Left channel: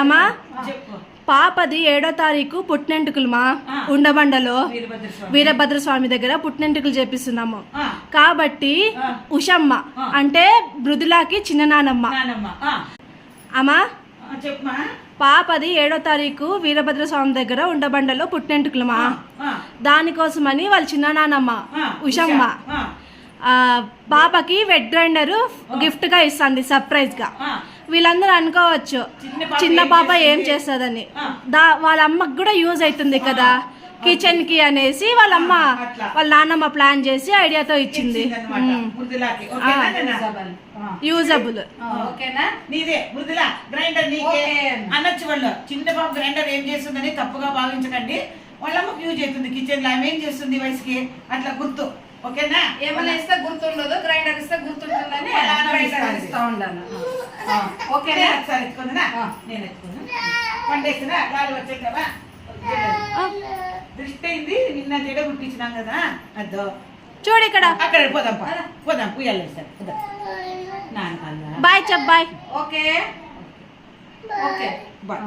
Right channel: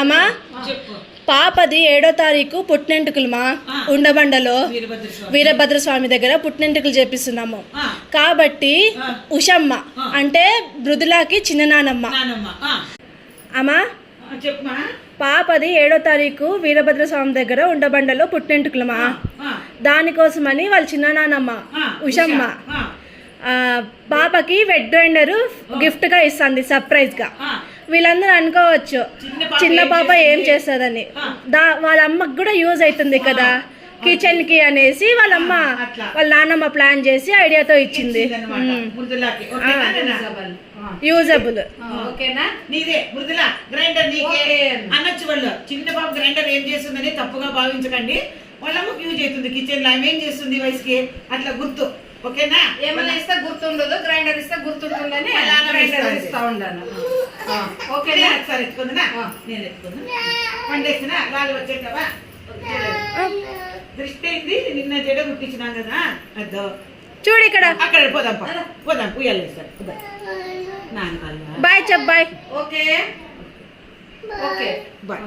అమ్మా పాపది 7వ తారీఖు పుట్టినెంటుకలు మా ఉండబండలో వీరభద్రస్వామి దగ్గర పుట్టినెంటుకలు చేపిస్తున్నాము కాబట్టి ఉషమ్మ అంటే మృదులాకి చిన్న నానమ్మ అమ్మా పాపది 7వ తారీఖు వీరభద్రస్వామి దగ్గర ఉండబండలో పుట్టినెంటుకలమా దానికోసమని వాళ్ళ చిన్న నానమ్మ ఉషమ్మ పాపకి వెట్ గ్రైండర్ గిఫ్ట్ గా ఇస్తుంది సర్ప్రైజ్ గా. వీళ్ళందరూ అనుకోవచ్చు చిన్న పాప ఏం చేస్తుందని, వాళ్ళ అమ్మకి కూడా యూజ్ అవుతుంది కదా కిచెన్ కి అనేసి వాళ్ళ నాన్నమ్మ ప్లాన్ చేసి ఐడియాతో ఇచ్చింది. యూజబుల్ చిన్న పాప గ్రైండర్ ఏం చేస్తుందని తప్పుగా భావించకండి. వాళ్ళ అమ్మకి యూజ్ అవుతుంది కిచెన్ లో. ఆమె ఏం చేస్తుంది వయసుకి అట్లా గుర్తు. ఓకేనా? ఏమైనా ఇస్తే గుర్తుండదు, గ్రైండర్ ఇస్తే గుర్తుంటుందని గ్రైండర్ ఇస్తా ఉండాలి. ఓకేనా? సరే ఎత్తుకుందా, నేను ఎత్తుకున్నా పండేస్తున్నా గాలి వచ్చేటవా దృష్టి అయింది. నిన్న జడ కుట్టించినాం కదా అద్దో చూడు ఇక్కడ అక్కడ పోదాం పోదాం పుయ్యాలు వేస్తాం నాన్న. బాయ్ చెప్ బాయ్. Okay okay bye.